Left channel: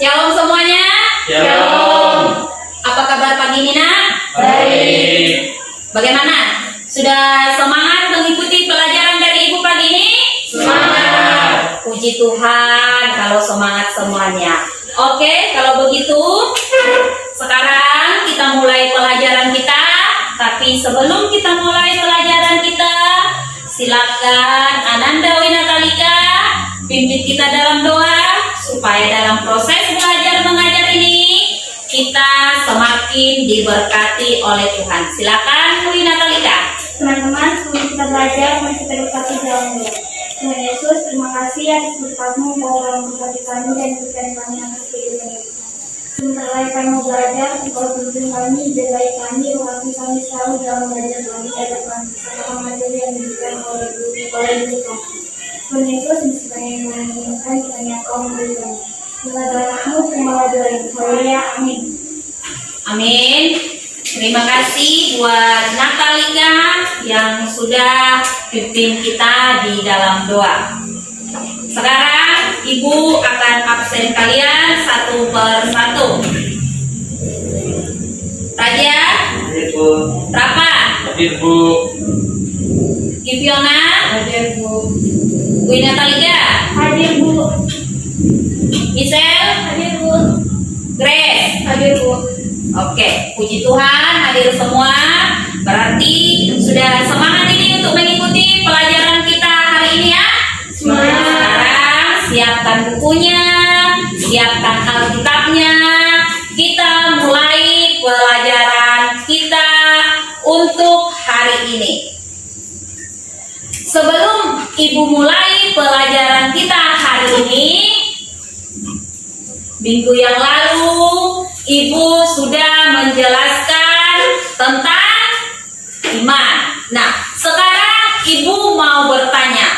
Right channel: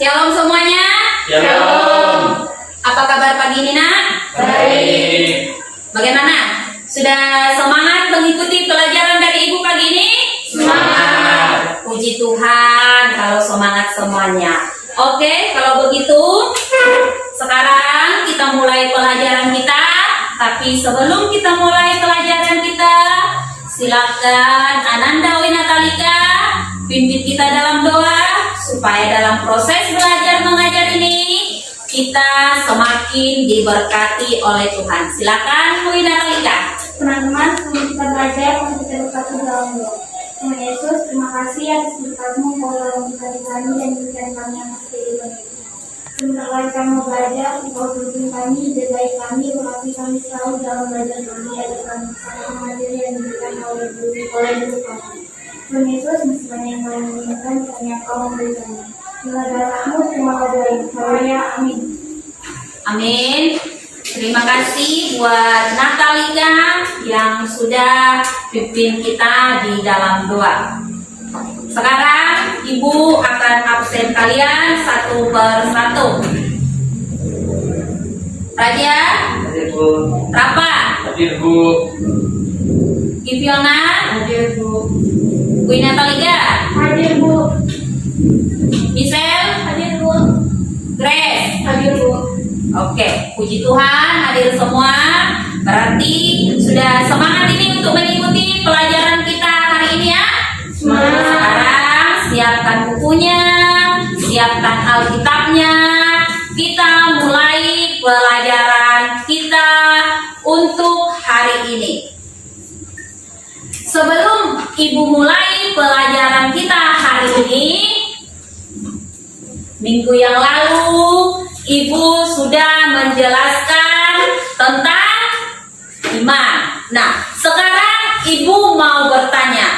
Shalom semuanya. Shalom. Apa kabar pagi ini, Nak? Baik. Bagaimana? Sudah semangat mengikuti pelajaran dari Ibu pagi ini? Semangat. Puji Tuhan kalau semangat semuanya. Oke, kalau begitu sekarang kita mulai pelajaran kita. Tapi sebelum kita mulai pelajaran kita, silakan Ananda Winatalika pimpin kita dalam doa supaya dalam proses belajar mengajar ini kita semakin diberkati oleh Tuhan. Silakan Bu Natalika. Teman-teman, sebelum kita belajar, mari kita berkati dalam doa. Tuhan Yesus, terima kasih atas berkat-Mu yang telah memberkati kami dan memberikan kami atas kehidupan kita. Sebentar lagi kami mau belajar, Engkau tuntun kami, jagai kami, berkati kami selalu dalam belajar kami, agar kami bersama materi yang diberikan oleh Guru kami. Tuhan Yesus, meskipun yang boleh mengingatkan, kiranya Engkau memberikan. Bila darah-Mu, terimalah doa ini. Haleluya, amin. Amin. Terima kasih buat Natalika yang sudah pimpin kita di dalam doa. Sekarang Ibu akan absen kalian satu persatu. Raja, Hadir Bu. Rapa, Hadir Bu. Giviona, Hadir Bu. Bu Natalika, Hadir Bu. Michelle, Hadir Bu. Grace. Hadir Bu. Oke, puji Tuhan hadir semua. Berarti sudah semangat ini untuk mengikuti pelajaran kita hari ini ya. Semangat. Sekarang siapkan bukunya, siapkan Alkitabnya. Kita mulai pelajaran kita untuk hari ini. Sebelum Ibu mulai pelajaran kita hari ini, minggu yang lalu Ibu sudah menjelaskan tentang iman. Nah, sekarang Ibu mau bertanya,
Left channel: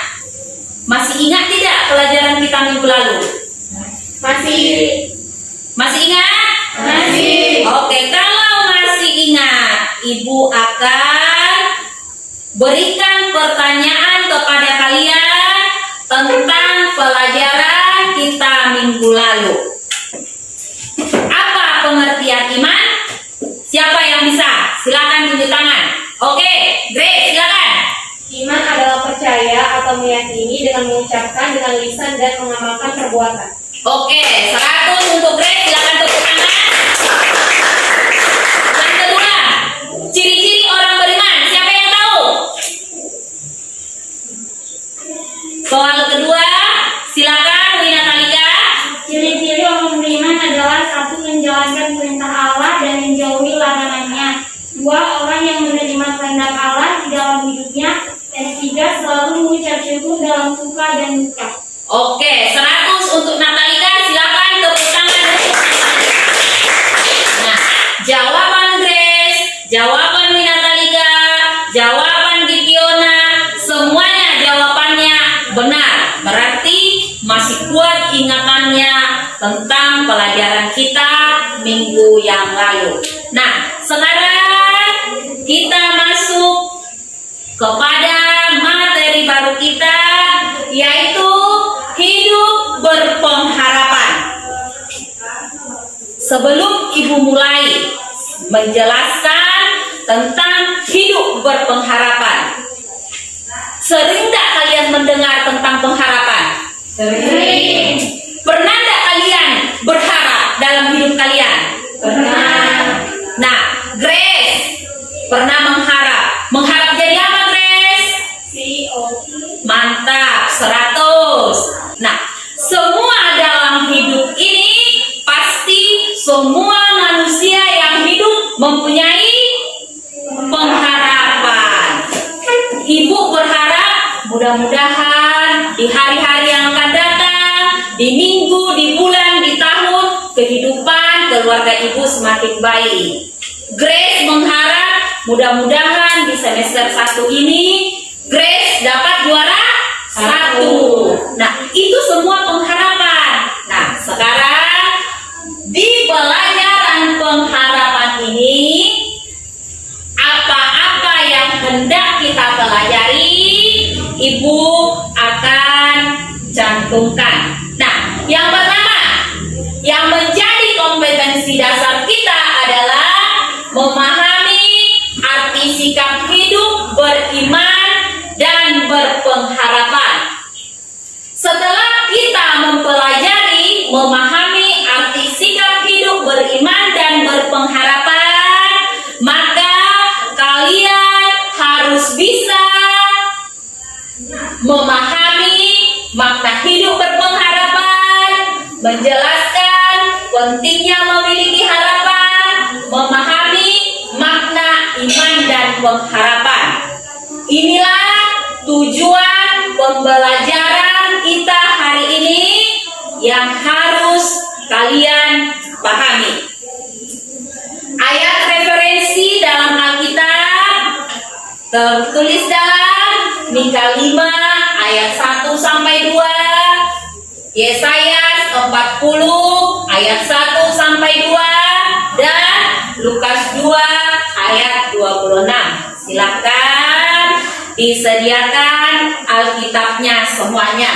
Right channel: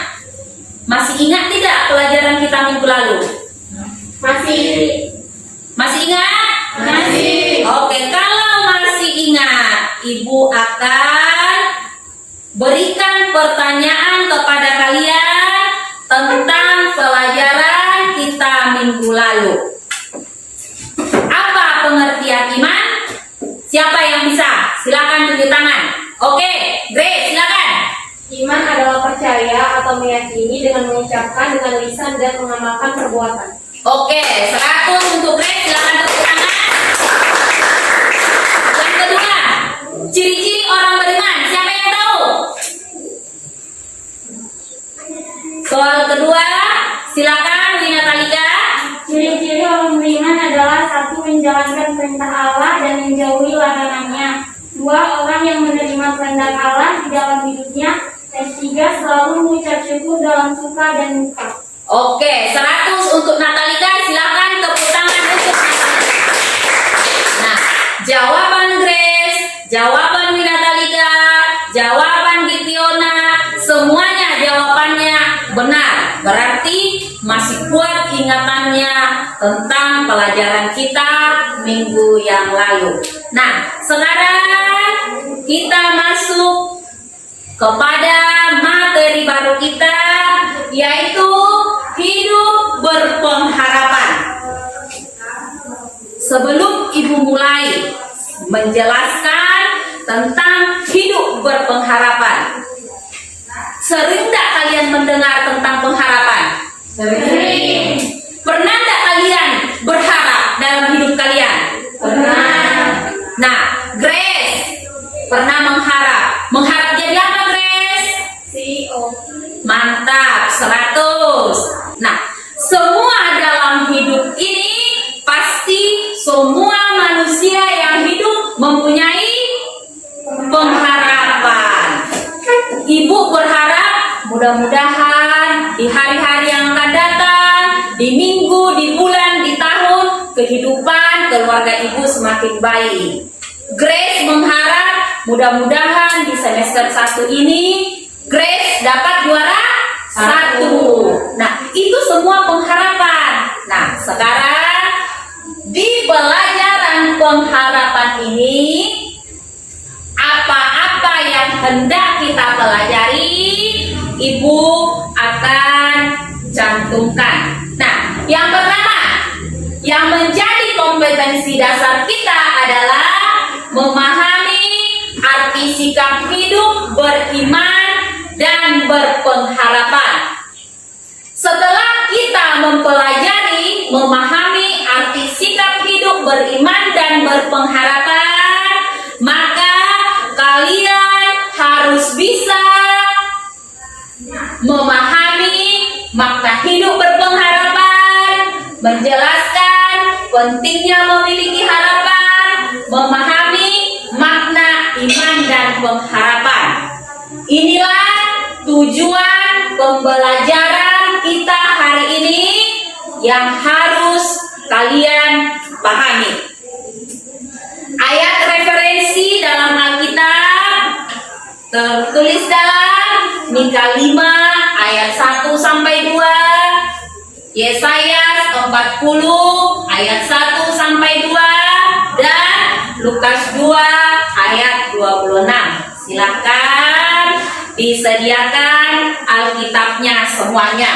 masih ingat tidak pelajaran kita minggu lalu? Masih. Masih ingat? Masih. Oke, kalau masih ingat, Ibu akan berikan pertanyaan kepada kalian tentang pelajaran kita minggu lalu. Apa pengertian iman? Siapa yang bisa? Silakan tunjuk tangan. Oke, Grace, silakan. Iman adalah percaya atau meyakini dengan mengucapkan dengan lisan dan mengamalkan perbuatan. Oke, 100 untuk Grace, silakan tepuk tangan. Yang kedua, ciri-ciri orang beriman. Siapa yang tahu? Soal kedua, silakan Wina Talika. Ciri-ciri orang beriman adalah: 1. Menjalankan perintah Allah dan menjauhi larangannya. 2. Orang yang menerima kehendak Allah di dalam hidupnya. Dan 3. Selalu mengucap syukur dalam suka dan duka. Oke, 100 untuk Natalika, silakan tepuk tangan untuk Natalika. Nah, jawaban Grace, jawaban Wina Talika, jawaban Giviona, semuanya jawabannya benar. Berarti masih kuat ingatannya tentang pelajaran kita minggu yang lalu. Nah, sekarang kita masuk kepada materi baru kita, yaitu hidup berpengharapan. Sebelum Ibu mulai menjelaskan tentang hidup berpengharapan, sering tak kalian mendengar tentang pengharapan? Sering. Pernah tak kalian berharap dalam hidup kalian? Pernah. Nah, Grace pernah mengharap. Mengharap jadi apa, Grace? CEO. Mantap, 100. Nah, semua dalam hidup ini pasti semua manusia yang hidup mempunyai pengharapan. Ibu berharap mudah-mudahan di hari-hari yang akan datang, di minggu, di bulan, di tahun, kehidupan keluarga Ibu semakin baik. Grace mengharap mudah-mudahan di semester 1 ini Grace dapat juara 1. Nah, itu semua pengharapan. Nah, sekarang di pelajaran pengharapan ini, apa-apa yang hendak kita pelajari, Ibu akan cantumkan. Nah, yang pertama, Yang menjadi kompetensi dasar kita adalah memahami arti sikap hidup beriman dan berpengharapan. Setelah kita mempelajari, memahami arti sikap hidup beriman dan berpengharapan, maka kalian harus bisa memahami makna hidup berpengharapan, menjelaskan pentingnya memiliki harapan, memahami makna iman dan pengharapan. Inilah tujuan pembelajaran kita hari ini yang harus kalian pahami. Ayat referensi dalam Alkitab tertulis dalam Mika 5 ayat 1 sampai 2, Yesaya 40 ayat 1 sampai 2, dan Lukas 2 ayat 26. Silakan disediakan Alkitabnya semuanya.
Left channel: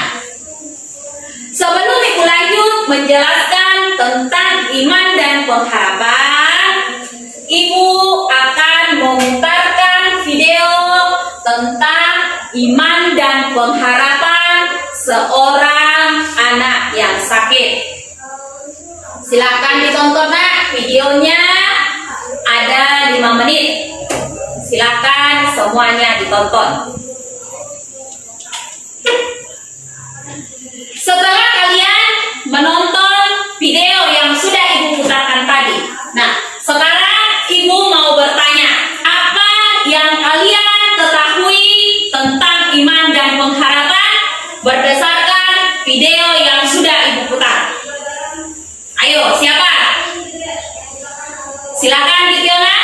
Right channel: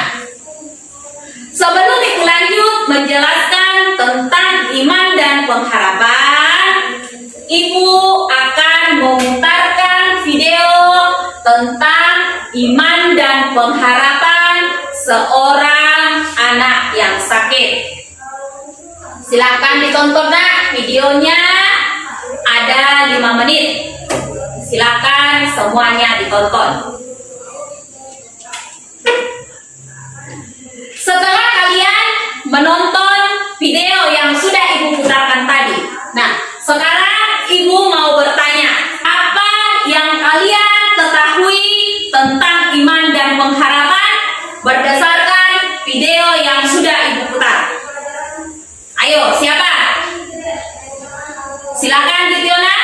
Sebelum Ibu lanjut menjelaskan tentang iman dan pengharapan, Ibu akan memutarkan video tentang iman dan pengharapan seorang anak yang sakit. Silakan ditonton nak, videonya ada 5 menit. Silakan semuanya ditonton. Setelah kalian menonton video yang sudah Ibu putarkan tadi, nah sekarang Ibu mau bertanya, apa yang kalian ketahui tentang iman dan pengharapan berdasarkan video yang sudah Ibu putar? Ayo, siapa? Silakan Dityona.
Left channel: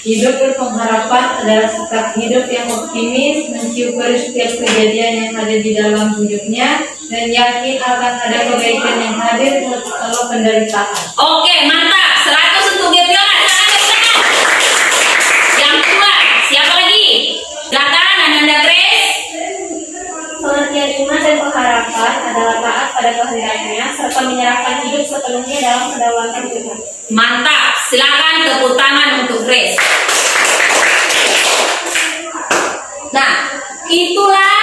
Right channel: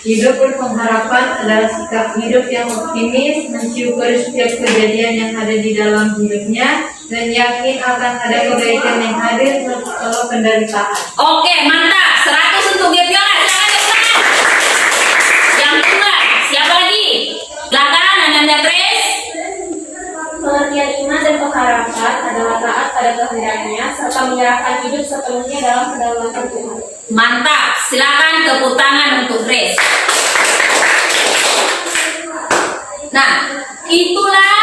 Hidup berpengharapan adalah sikap hidup yang optimis, mensyukuri setiap kejadian yang ada di dalam hidupnya, dan yakin akan ada kebaikan yang hadir setelah penderitaan. Oke, mantap. 100 untuk Dityona. Silakan. Yang kedua, siapa lagi? Silakan Ananda Grace. Pengertian iman dan pengharapan adalah taat pada kehendaknya serta menyerahkan hidup sepenuhnya dalam kedaulatan Tuhan. Mantap. Silakan tepuk tangan untuk Grace. Nah, itulah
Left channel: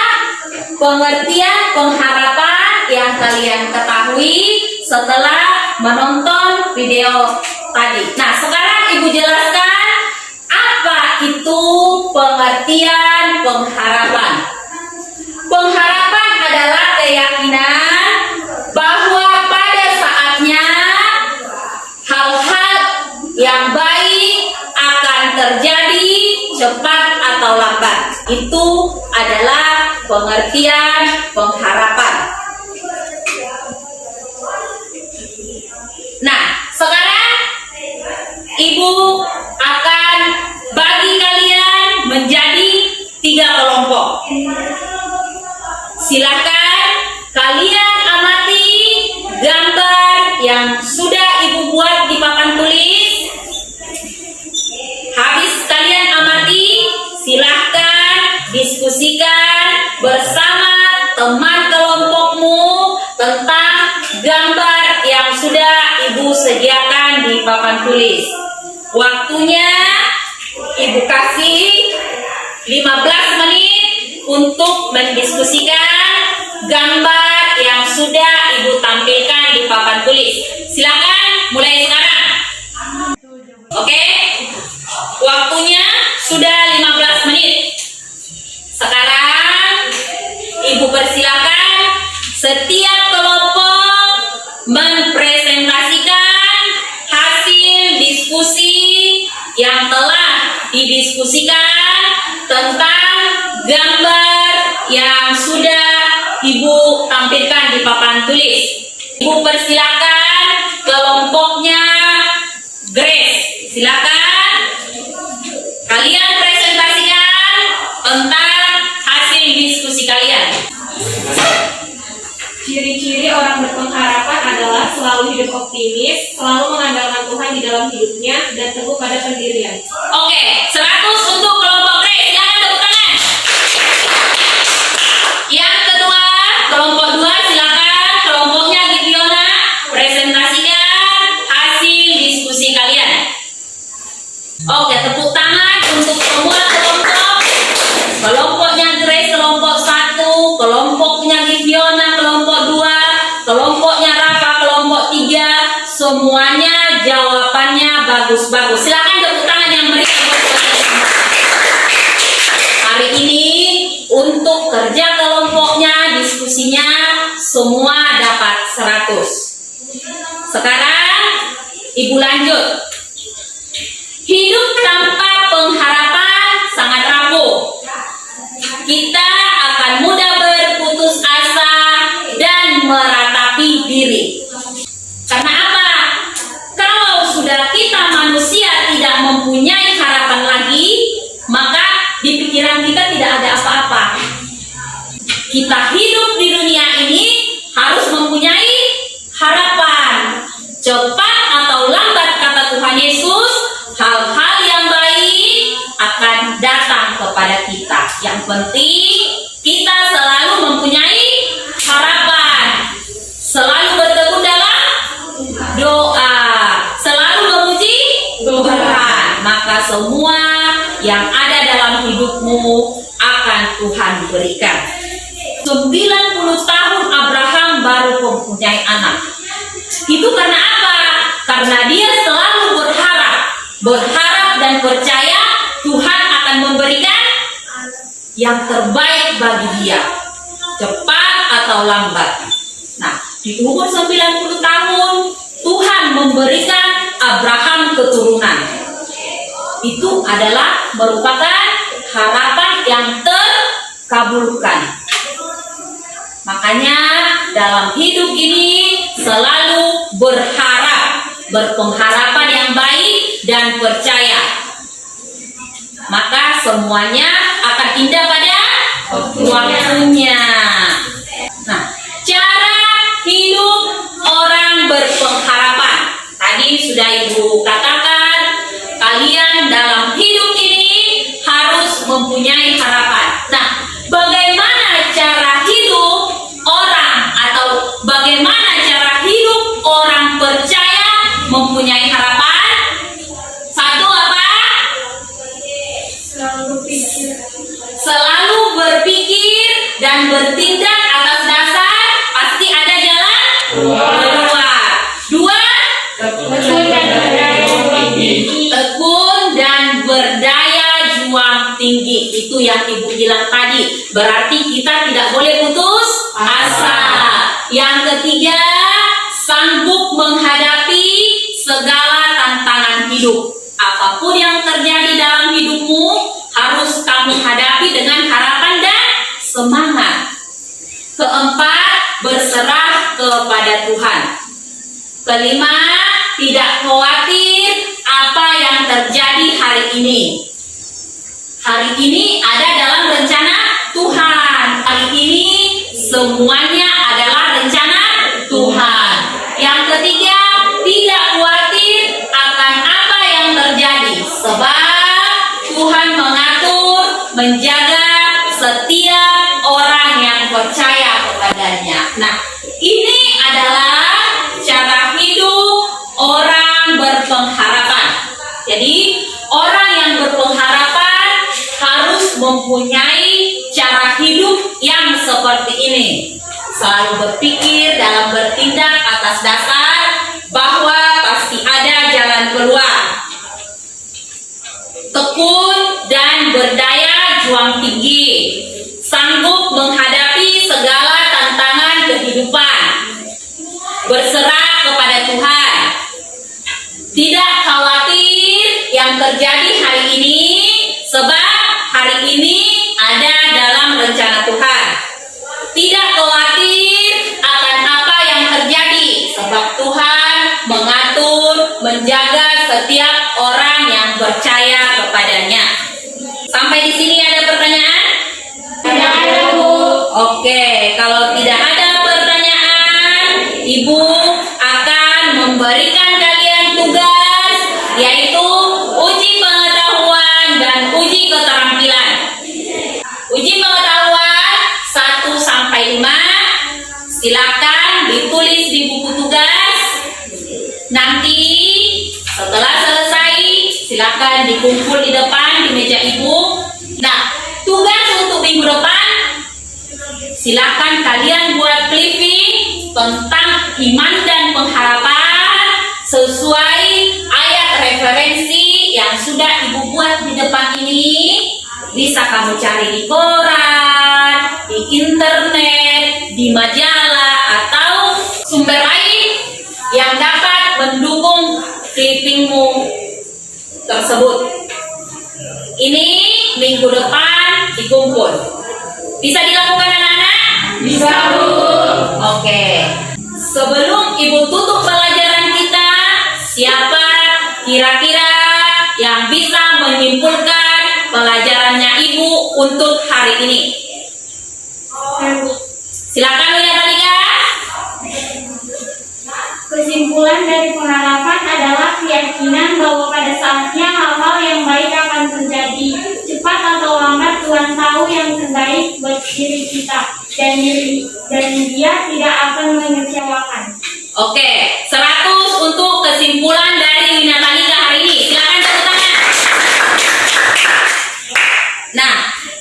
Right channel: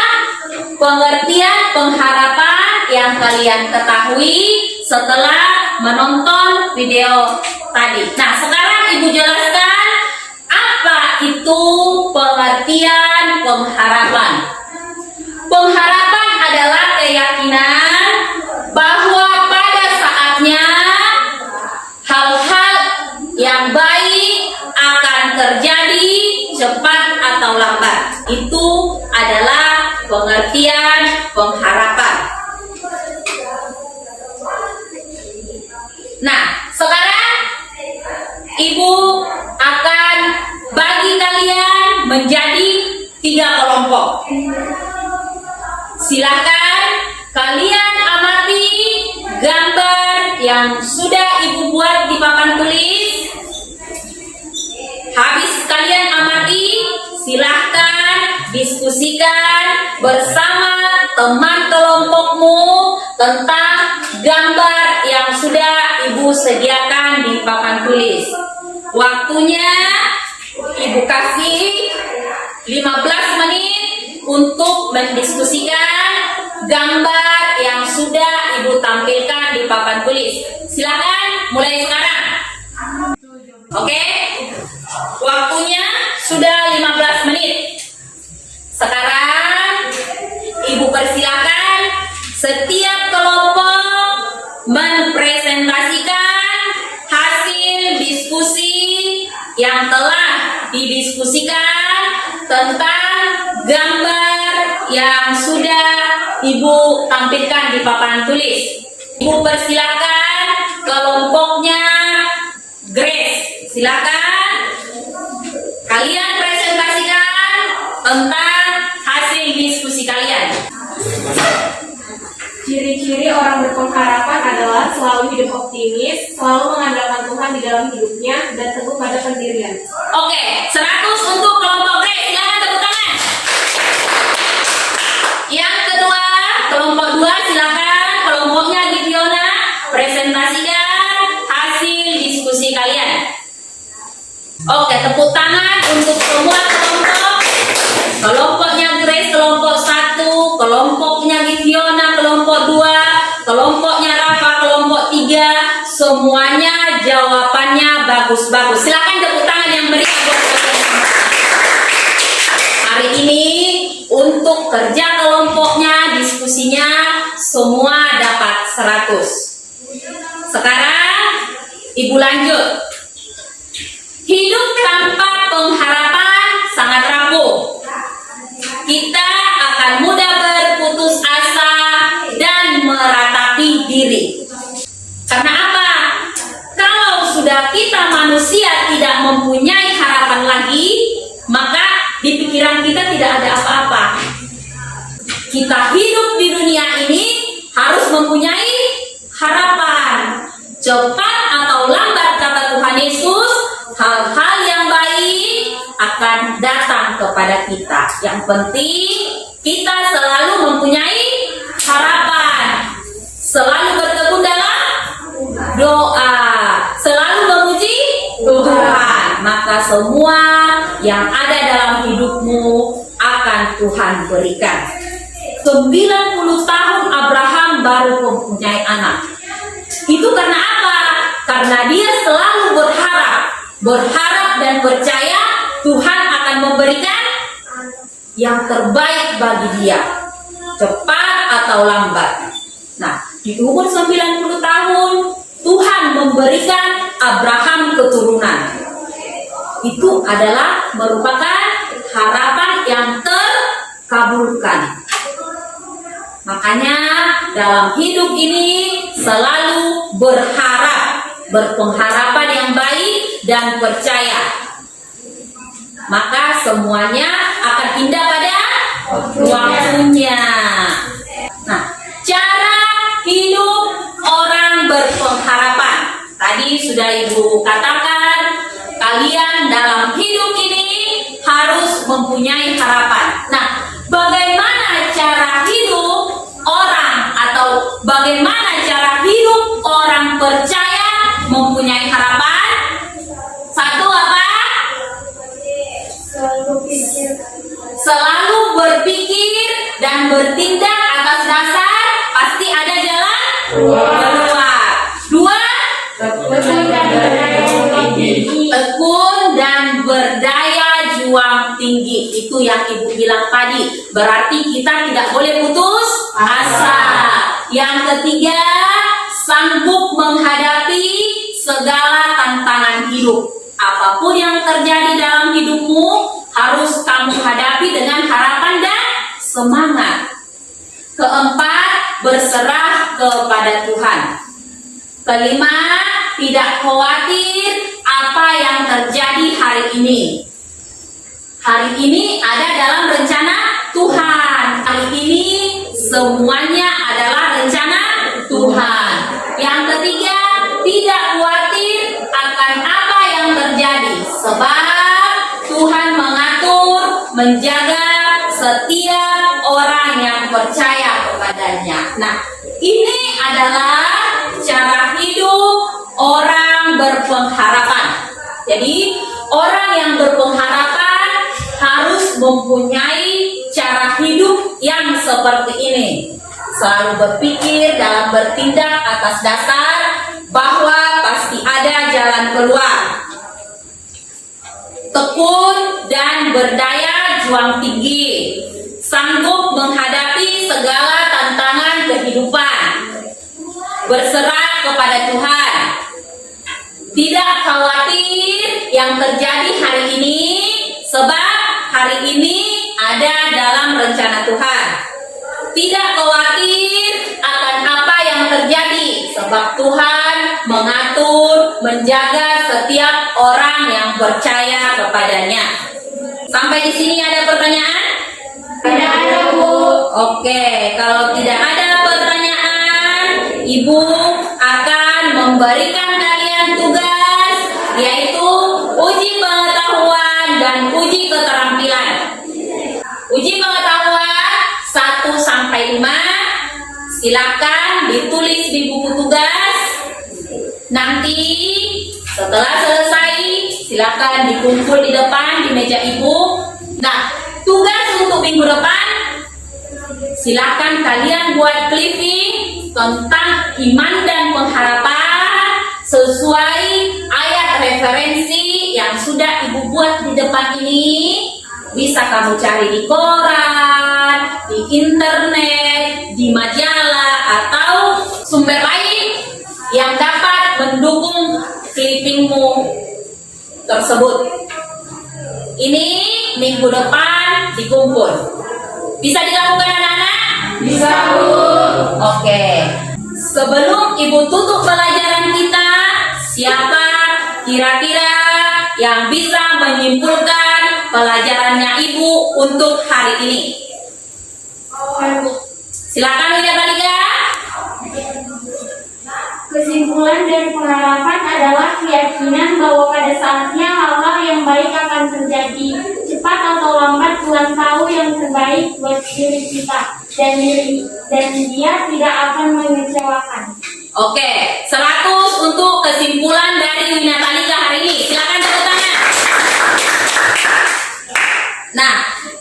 pengertian pengharapan yang kalian ketahui setelah menonton video tadi. Nah, sekarang Ibu jelaskan apa itu pengertian pengharapan. Pengharapan adalah keyakinan bahwa pada saatnya hal-hal yang baik akan terjadi cepat atau lambat. Itu adalah pengertian pengharapan. Nah, sekarang Ibu akan bagi kalian menjadi 3 kelompok. Silakan kalian amati gambar yang sudah Ibu buat di papan tulis. Habis kalian amati, silakan diskusikan bersama teman kelompokmu tentang gambar yang sudah Ibu sediakan di papan tulis. Waktunya Ibu kasih 15 menit untuk mendiskusikan gambar yang sudah Ibu tampilkan di papan tulis. Silakan mulai sekarang. Oke? Waktunya sudah 15 menit. Sekarang Ibu persilakan setiap kelompok mempresentasikan hasil diskusi yang telah didiskusikan tentang gambar yang sudah Ibu tampilkan di papan tulis. Ibu persilakan kelompoknya Grace. Silakan kalian presentasikan tentang hasil diskusi kalian. Ciri-ciri orang berpengharapan adalah selalu hidup optimis, selalu mengandalkan Tuhan di dalam hidupnya, dan teguh pada pendirian. Oke, 100 untuk kelompok Grace. Silakan tepuk tangan. Yang kedua, kelompok 2 silakan kelompoknya Dityona presentasikan Semuanya jawabannya bagus-bagus. Silakan tepuk tangan yang meriah buat kalian semua. Hari ini untuk kerja kelompoknya, diskusinya semua dapat 100. Sekarang Ibu lanjut. Hidup tanpa pengharapan sangat rapuh. Kita akan mudah berputus asa dan meratapi diri. Karena apa? Kalau sudah kita manusia tidak mempunyai harapan lagi, maka di pikiran kita tidak ada apa-apa. Kita hidup di dunia ini harus mempunyai harapan. Cepat atau lambat, kata Tuhan Yesus, hal-hal yang baik akan datang kepada kita. Yang penting kita selalu mempunyai harapan, selalu bertekun dalam doa, selalu memuji Tuhan. Maka semua yang ada dalam hidupmu akan Tuhan berikan. 90 tahun Abraham baru mempunyai anak. Itu karena apa? Karena dia selalu berharap dan percaya Tuhan akan memberikan yang terbaik bagi dia, cepat atau lambat. Nah, di umur 90 tahun Tuhan memberikan Abraham keturunan. Itu adalah merupakan harapan yang terkabulkan. Makanya dalam hidup ini selalu berpengharapan yang baik dan percaya. Maka semuanya akan indah pada waktunya. Nah, cara hidup orang berpengharapan. Tadi sudah Ibu katakan, kalian dalam hidup ini harus mempunyai harapan. Nah, bagaimana cara hidup orang atau bagaimana cara hidup orang percaya mempunyai harapan? Satu apa? Selalu berpikir dan bertindak atas dasar pasti ada jalan keluar. Dua, tekun dan berdaya juang tinggi. Itu yang Ibu bilang tadi. Berarti kita tidak boleh putus asa. Yang ketiga, sanggup menghadapi segala tantangan hidup. Apapun yang terjadi dalam hidupmu harus kamu hadapi dengan harapan dan semangat. Keempat, berserah kepada Tuhan. Kelima, tidak khawatir apa yang terjadi hari ini. Hari ini ada dalam rencana Tuhan. Hari ini semuanya adalah rencana Tuhan. Yang ketiga, tidak khawatir akan apa yang terjadi, sebab Tuhan mengatur, menjaga setiap orang yang percaya kepadanya. Nah, ini adalah cara hidup orang berpengharapan. Jadi, orang yang berpengharapan harus mempunyai cara hidup yang seperti ini. Selalu berpikir dalam bertindak atas dasar bahwa pasti ada jalan keluar. Tekun dan berdaya juang tinggi, sanggup menghadapi segala tantangan kehidupan, berserah kepada Tuhan, tidak khawatir yang terjadi hari ini, sebab hari ini ada dalam rencana Tuhan. Tidak khawatir akan apa yang terjadi, sebab Tuhan mengatur, menjaga setiap orang yang percaya kepadanya. Sampai di sini ada pertanyaan? Tidak ada, Bu. Oke, kalau tidak ada pertanyaan, Ibu akan memberikan kalian tugas, yaitu uji pengetahuan dan uji keterampilan. Uji pengetahuan 1 sampai 5. Silakan ditulis di buku tugas. Nanti setelah selesai, silakan dikumpul di depan di meja Ibu. Nah, tugas untuk minggu depan, silakan kalian buat clipping tentang iman dan pengharapan sesuai ayat referensi yang sudah Ibu buat di depan ini. Bisa kamu cari di koran, di internet, di majalah, atau sumber lain yang dapat mendukung clippingmu tersebut. Ini minggu depan dikumpul. Bisa dilakukan anak-anak? Bisa, Bu. Oke. Sebelum Ibu tutup pelajaran kita, siapa kira-kira yang bisa menyimpulkan pelajarannya Ibu untuk hari ini? Silakan Wida Talika. Kesimpulan dari pengharapan adalah keyakinan bahwa pada saatnya hal-hal yang baik akan terjadi. Cepat atau lambat Tuhan tahu yang terbaik buat diri kita dan Dia tidak akan mengecewakan. Oke, 100 untuk kesimpulan dari Wina Talika hari ini. Silakan tepuk tangan. Nah,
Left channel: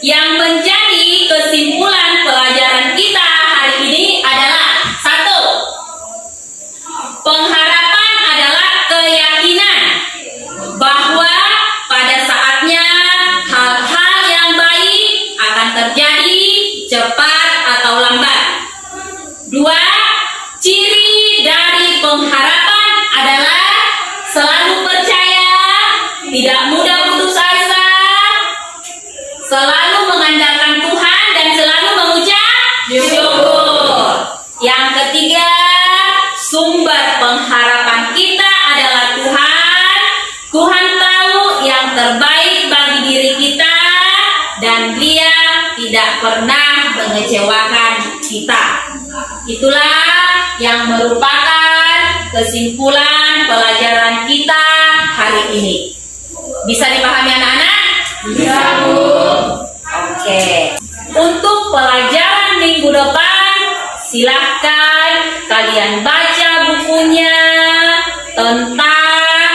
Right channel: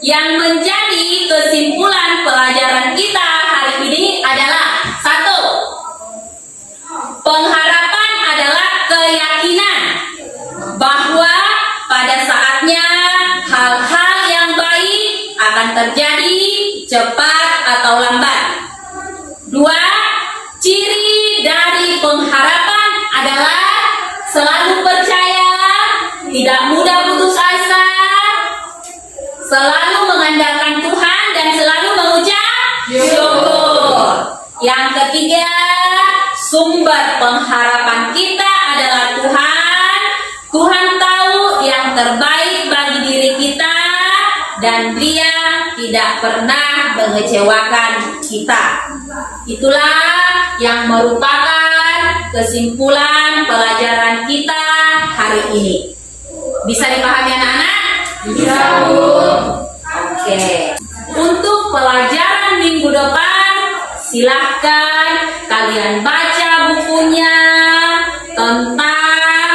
yang menjadi kesimpulan pelajaran kita hari ini adalah 1. Pengharapan adalah keyakinan bahwa pada saatnya hal-hal yang baik akan terjadi cepat atau lambat. 2. Ciri dari pengharapan adalah selalu percaya, tidak mudah putus asa, selalu mengandalkan Tuhan, dan selalu mengucap syukur. Yang ketiga, sumber pengharapan kita adalah Tuhan. Tuhan tahu yang terbaik bagi diri kita dan Dia tidak pernah mengecewakan kita. Itulah yang merupakan kesimpulan pelajaran kita hari ini. Bisa dipahami anak-anak? Bisa, Bu. Oke. Untuk pelajaran minggu depan, silahkan kalian baca bukunya tentang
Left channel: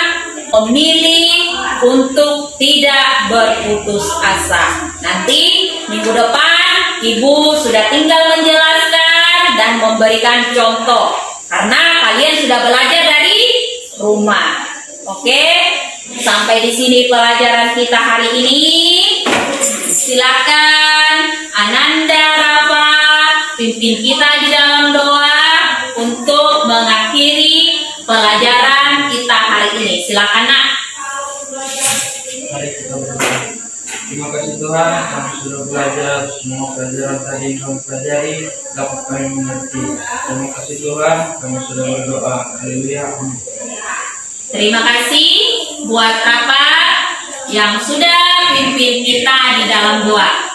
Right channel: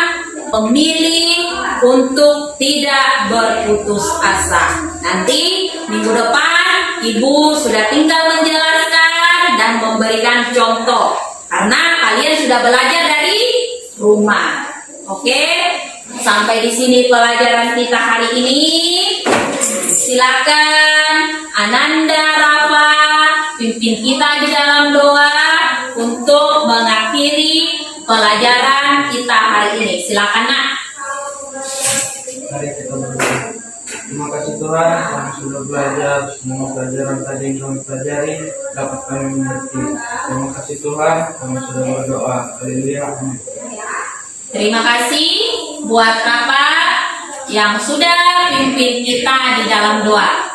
memilih untuk tidak berputus asa. Nanti minggu depan Ibu sudah tinggal menjelaskan dan memberikan contoh karena kalian sudah belajar dari rumah. Oke, sampai di sini pelajaran kita hari ini. Silakan Ananda Rafa pimpin kita di dalam doa untuk mengakhiri pelajaran kita hari ini. Silakan Nak. Mari kita berdoa. Terima kasih Tuhan, kami sudah belajar semua pelajaran tadi yang kami pelajari dapat kami mengerti. Terima kasih Tuhan, kami sudah berdoa. Haleluya. Amin. Terima kasih buat Rafa yang sudah pimpin kita di dalam doa.